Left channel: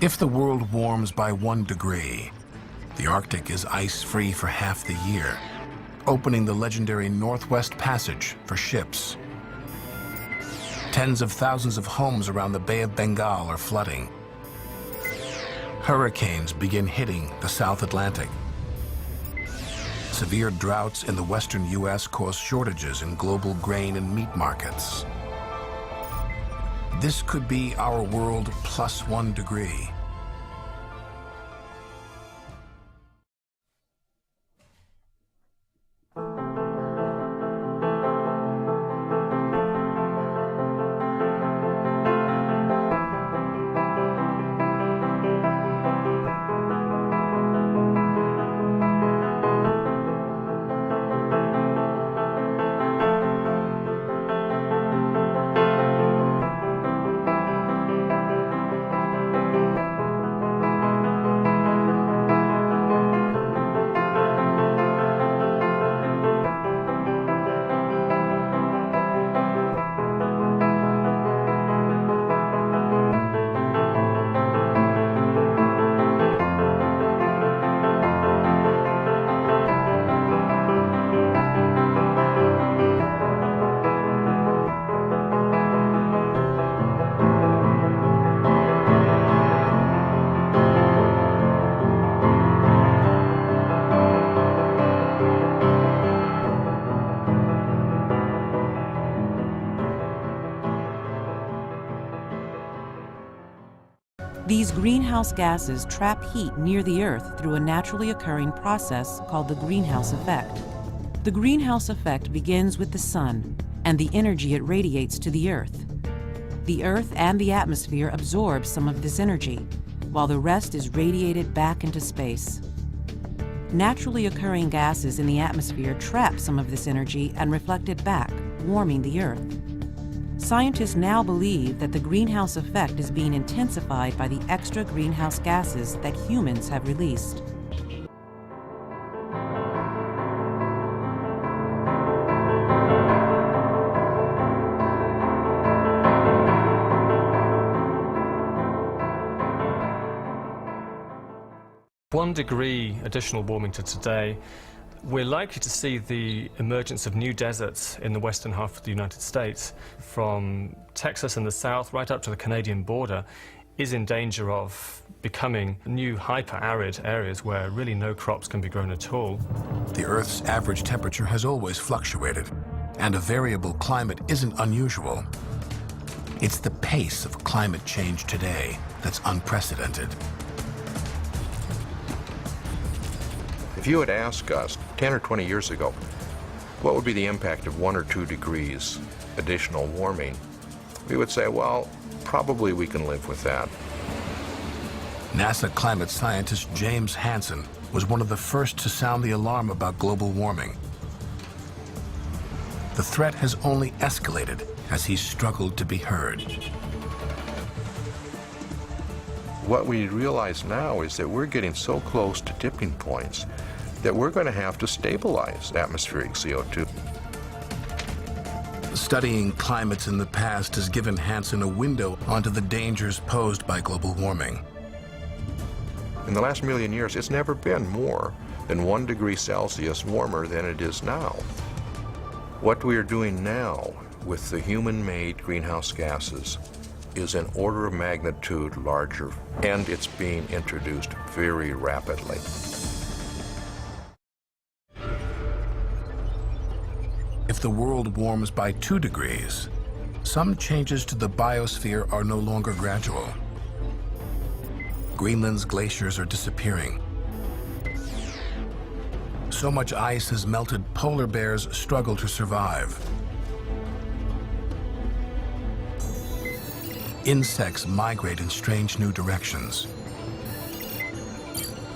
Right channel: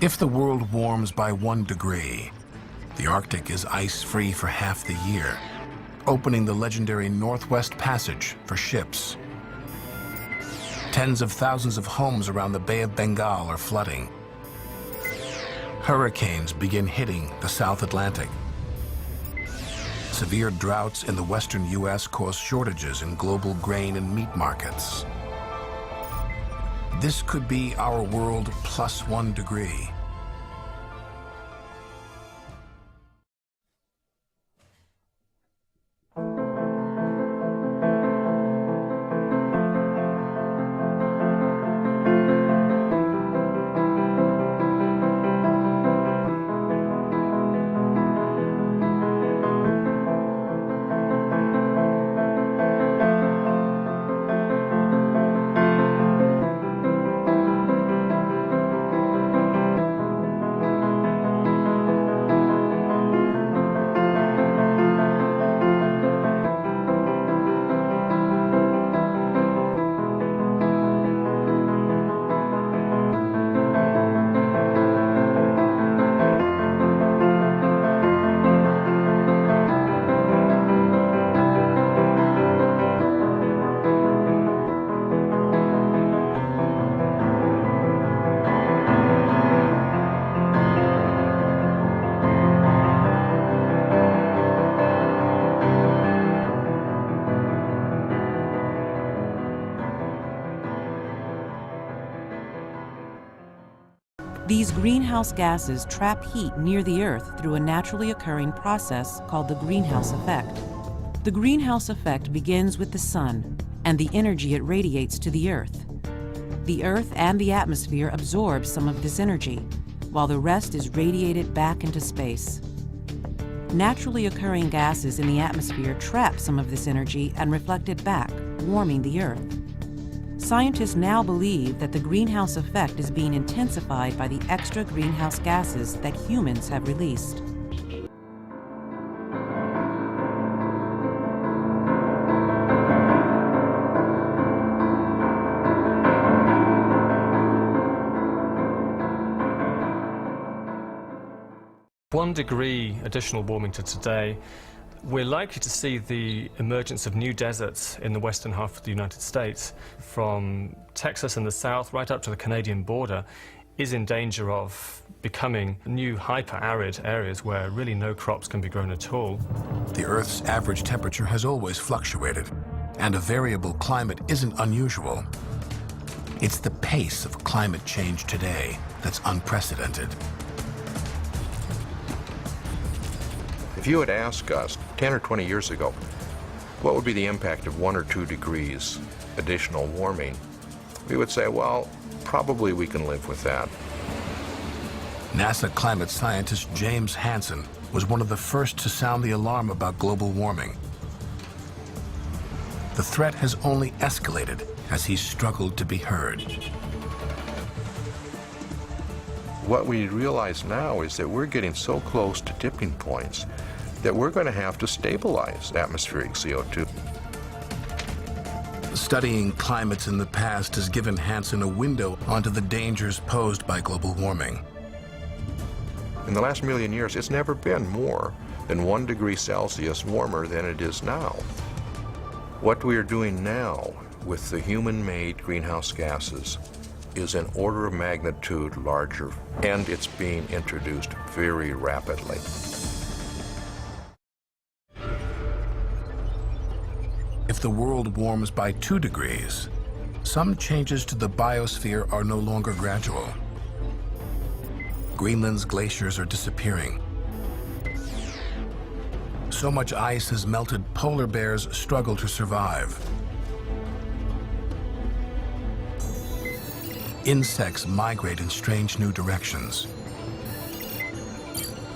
If the world warms by 1 degree, the Arctic is ice-free for half the year, opening the legendary Northwest Passage for ships. Tens of thousands of homes around the Bay of Bengal are flooding. Hurricanes begin hitting the South Atlantic. Severe droughts in the western U.S. cause shortages in global grain and meat markets. This could be our world plus 1 degree. These greenhouse gases trap heat near the Earth through a naturally occurring process called the greenhouse effect. The greenhouse effect begins with the sun and the energy it radiates to the Earth. The Earth and the atmosphere absorb some of this energy, while the rest is radiated back into space. Naturally occurring gases in the atmosphere trap some of this energy and reflect it back, warming the Earth. Scientists now believe that the greenhouse effect is being intensified by the extra greenhouse gases that humans have released. One degree additional warming to today, we're likely to see the emergence of new deserts in the western half of the United States, from Texas in the south right up to the Canadian border, is in danger of becoming new hyper-arid areas where really no crops can be grown at all. The Earth's average temperature has always fluctuated, and a variable climate isn't unusual. It's the pace of climate change today that's unprecedented. If you had asked us 10 or 20 years ago, what would be the impact of 1 or 2 degrees additional warming, we would say, well, probably we can live with that. NASA climate scientist James Hansen was one of the first to sound the alarm about global warming. The threat has only escalated as he's struggled to be heard. What we realize now is that we're getting so close to tipping points that we're going to have to stabilize atmospheric CO2. Studying climates in the past has given Hansen a window onto the dangers posed by global warming. In the last million years, it's never been more than 1 degree Celsius warmer than it is now. What we are doing now with the human-made greenhouse gases is an order of magnitude larger, and it's being introduced very rapidly. If the world warms by 2 degrees, some changes to the biosphere are no longer gradual. Greenland's glaciers are disappearing. So much ice has melted, polar bears struggle to survive. Insects migrate in strange new directions.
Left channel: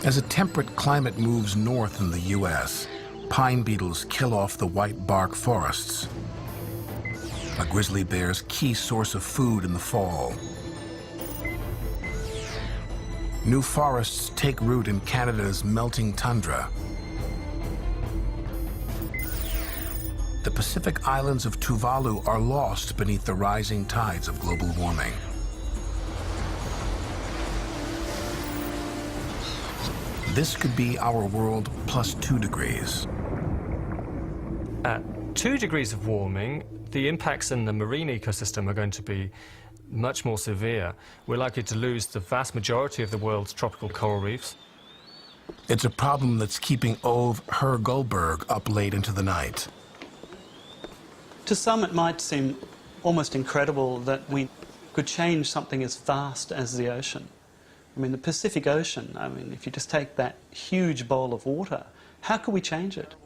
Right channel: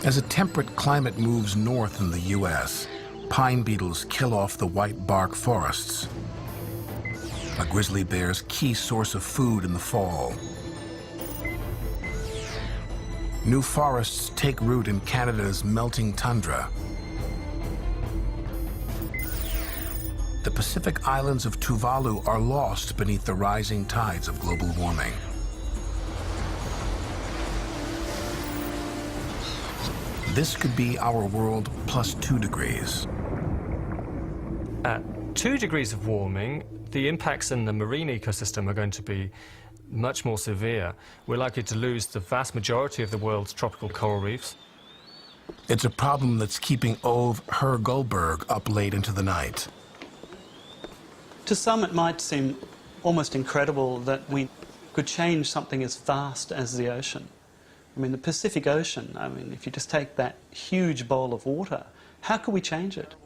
As a temperate climate moves north in the U.S., pine beetles kill off the white bark forests, a grizzly bear's key source of food in the fall. New forests take root in Canada's melting tundra. The Pacific islands of Tuvalu are lost beneath the rising tides of global warming. This could be our world plus 2 degrees. At 2 degrees of warming, the impacts in the marine ecosystem are going to be much more severe. We're likely to lose the vast majority of the world's tropical coral reefs. It's a problem that's keeping Ove Herr-Goldberg up late into the night. To some, it might seem almost incredible that we could change something as vast as the ocean. I mean, the Pacific Ocean, I mean, if you just take that huge bowl of water, how could we change it?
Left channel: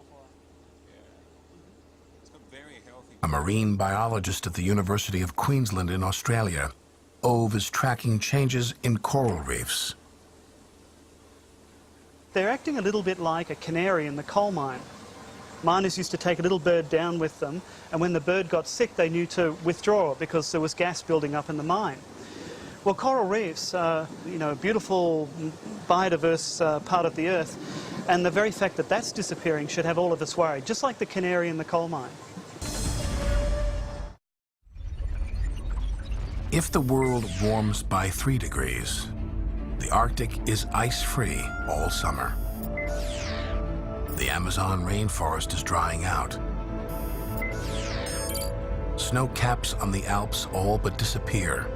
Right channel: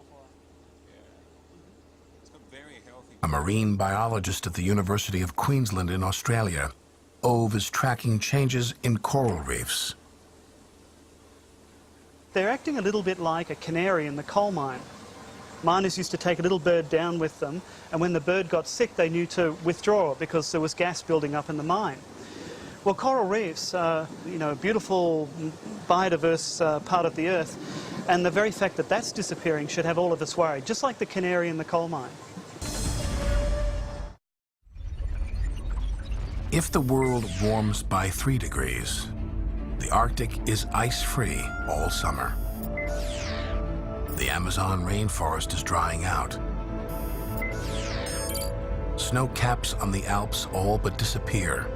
A marine biologist at the University of Queensland in Australia, Ove is tracking changes in coral reefs. They're acting a little bit like a canary in the coal mine. Miners used to take a little bird down with them, and when the bird got sick, they knew to withdraw because there was gas building up in the mine. Well, coral reefs are, a beautiful, biodiverse part of the Earth, and the very fact that that's disappearing should have all of us worried, just like the canary in the coal mine. If the world warms by 3 degrees, the Arctic is ice-free all summer. The Amazon rainforest is drying out. Snow caps on the Alps all but disappear.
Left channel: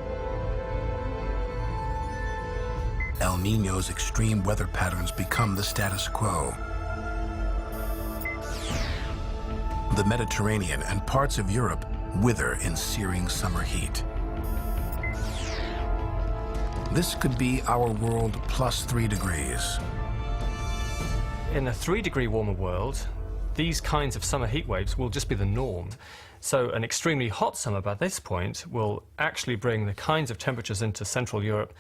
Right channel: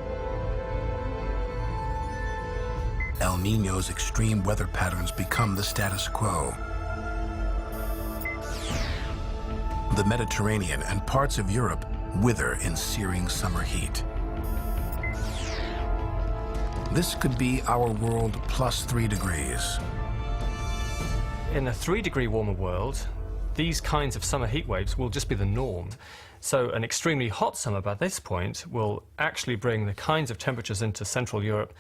El Niño's extreme weather patterns become the status quo. The Mediterranean and parts of Europe wither in searing summer heat. This could be our world plus 3 degrees. In a 3-degree warmer world, these kinds of summer heat waves will just be the norm. So an extremely hot summer by this point will actually bring the kinds of temperatures into Central Europe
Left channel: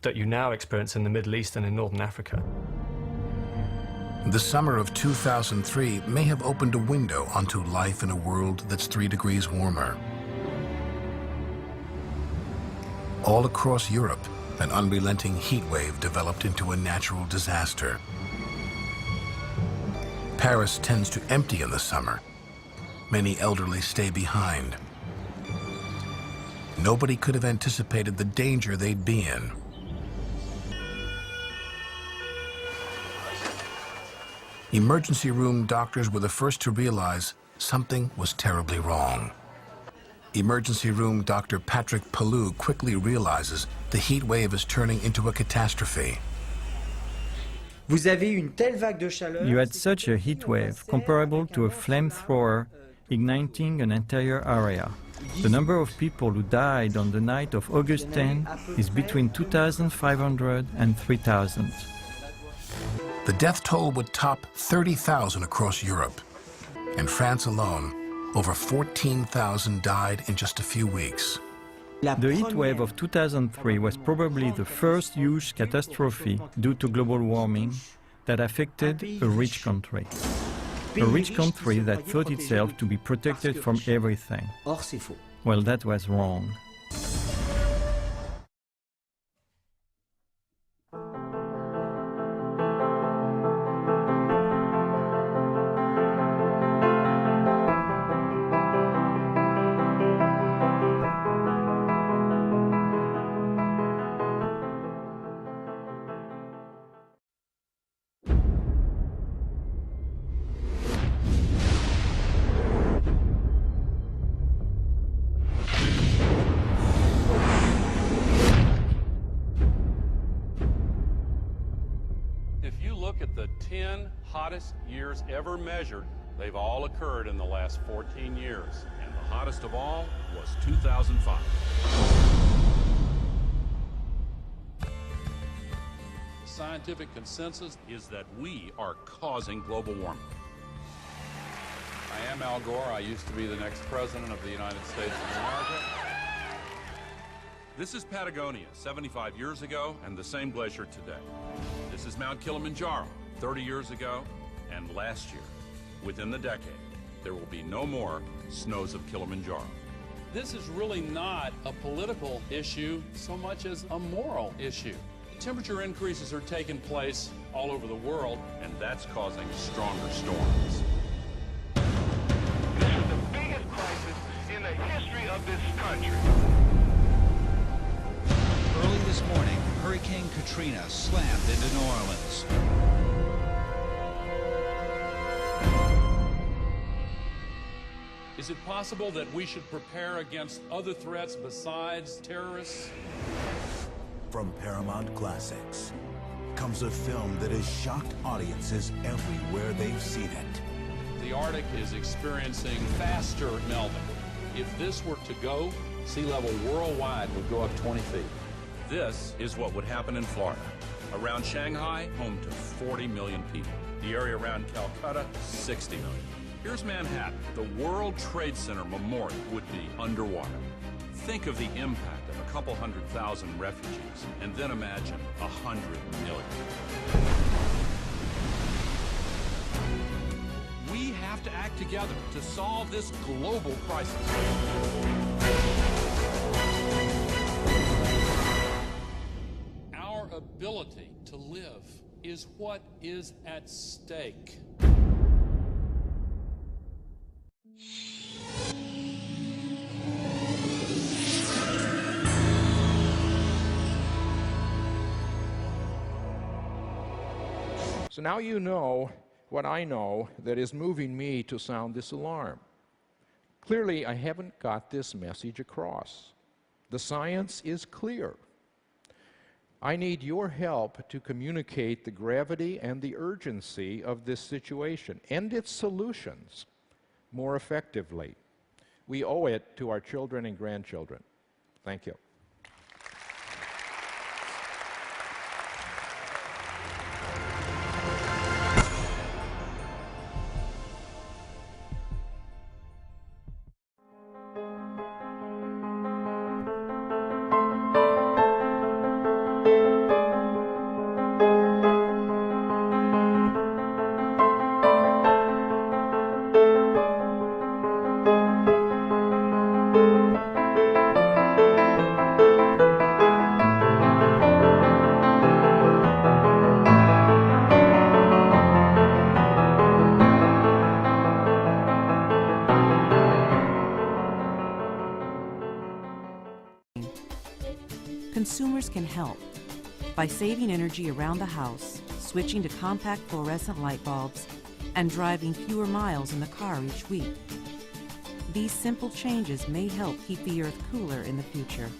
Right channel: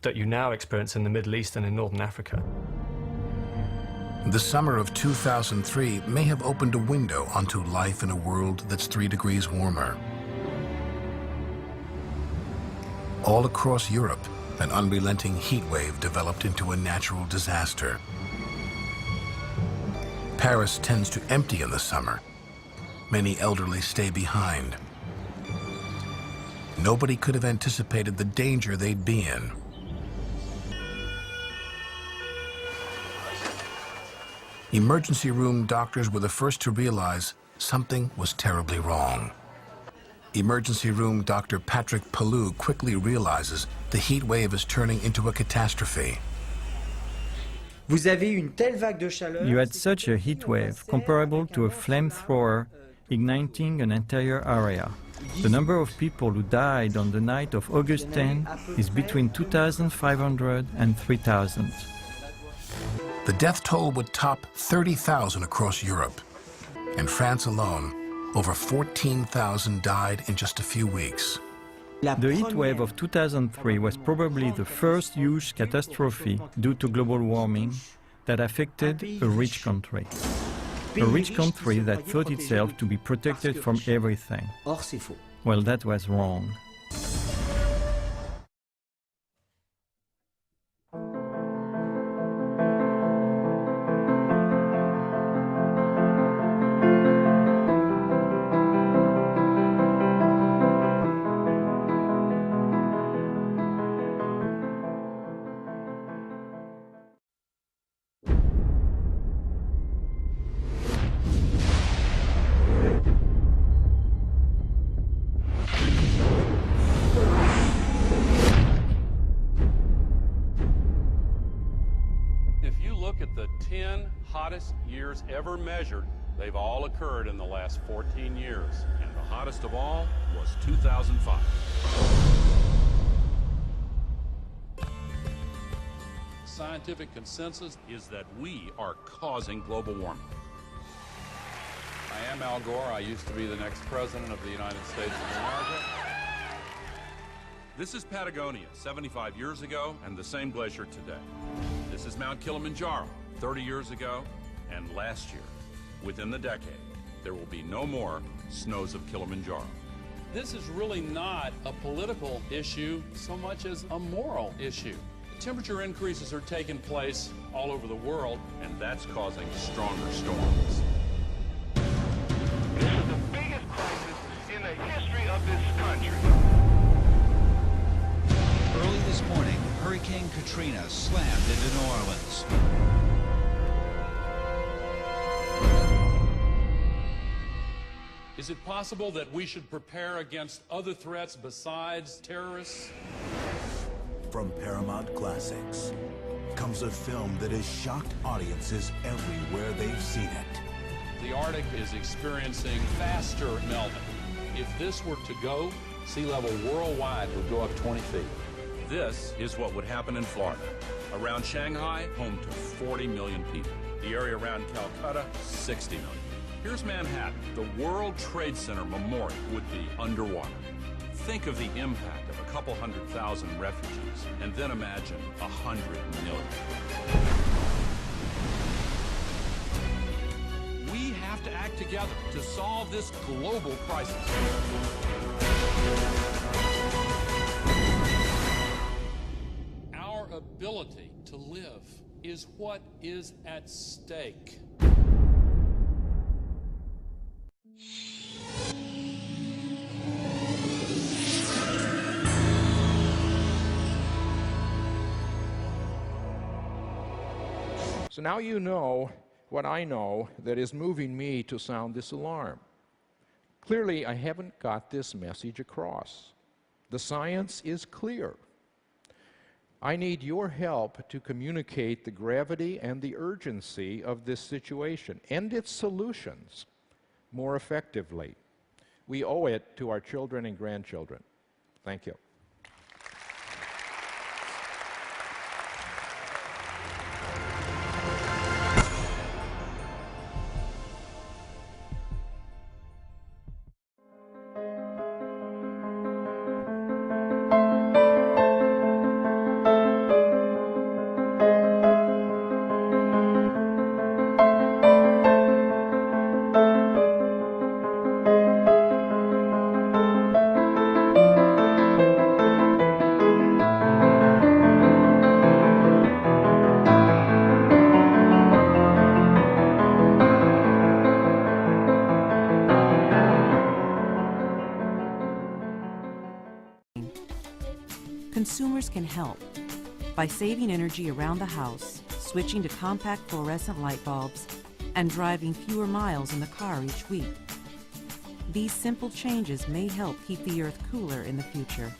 that you now experience in the Middle East and in Northern Africa. The summer of 2003 may have opened a window onto life in a world that's 3 degrees warmer. All across Europe, an unrelenting heat wave developed into a natural disaster. Paris tends to empty in the summer. Many elderly stay behind. Nobody could have anticipated the danger they'd be in. Emergency room doctors were the first to realize something was terribly wrong. Emergency room Dr. Patrick Pellew quickly realizes the heat wave is turning into a catastrophe. You had such a heat wave comparable to a flamethrower igniting an entire area. The number of people who died on the night of August 10 is between 2,500 and 3,000. The death toll would top 30,000 across Europe. In France alone, over 14,000 died in just a few weeks. The heat wave of 2003 was probably the first huge catastrophe due to global warming that affected a rich country. A rich country that thought itself to be protected from everything. Well, that was wrong. At the 10 hottest years ever measured, they've all occurred in the last 14 years. And the hottest of all was 2005. The scientific consensus is that we are causing global warming. I am Al Gore. I used to be the next president of the United States of America. This is Patagonia, 75 years ago, and the same glacier today. This is Mount Kilimanjaro, 30 years ago, and last year. Within the decade, there will be no more snows of Kilimanjaro. This is really not a political issue so much as a moral issue. Temperature increases are taking place all over the world, and that's causing stronger storms. This is the biggest crisis in the history of this country. Early this morning, Hurricane Katrina slammed into New Orleans. Is it possible that we should prepare against other threats besides terrorists? From Paramount Classics comes a film that has shocked audiences everywhere they've seen it. The Arctic is experiencing faster melting. If this were to go, sea level worldwide would go up 20 feet. This is what would happen in Florida. Around Shanghai, home to 40 million people. The area around Calcutta, 60 million. Here's Manhattan. The World Trade Center Memorial would be underwater. Think of the impact of a couple 100,000 refugees, and then imagine 100 million. We have to act together to solve this global crisis. Our ability to live is what is at stake. So now you know what I know that is moving me to sound this alarm. Clearly, I haven't got this message across. The science is clear. I need your help to communicate the gravity and the urgency of this situation and its solutions more effectively. We owe it to our children and grandchildren. Thank you. Consumers can help by saving energy around the house, switching to compact fluorescent light bulbs, and driving fewer miles in the car each week. These simple changes may help keep the Earth cooler in the future.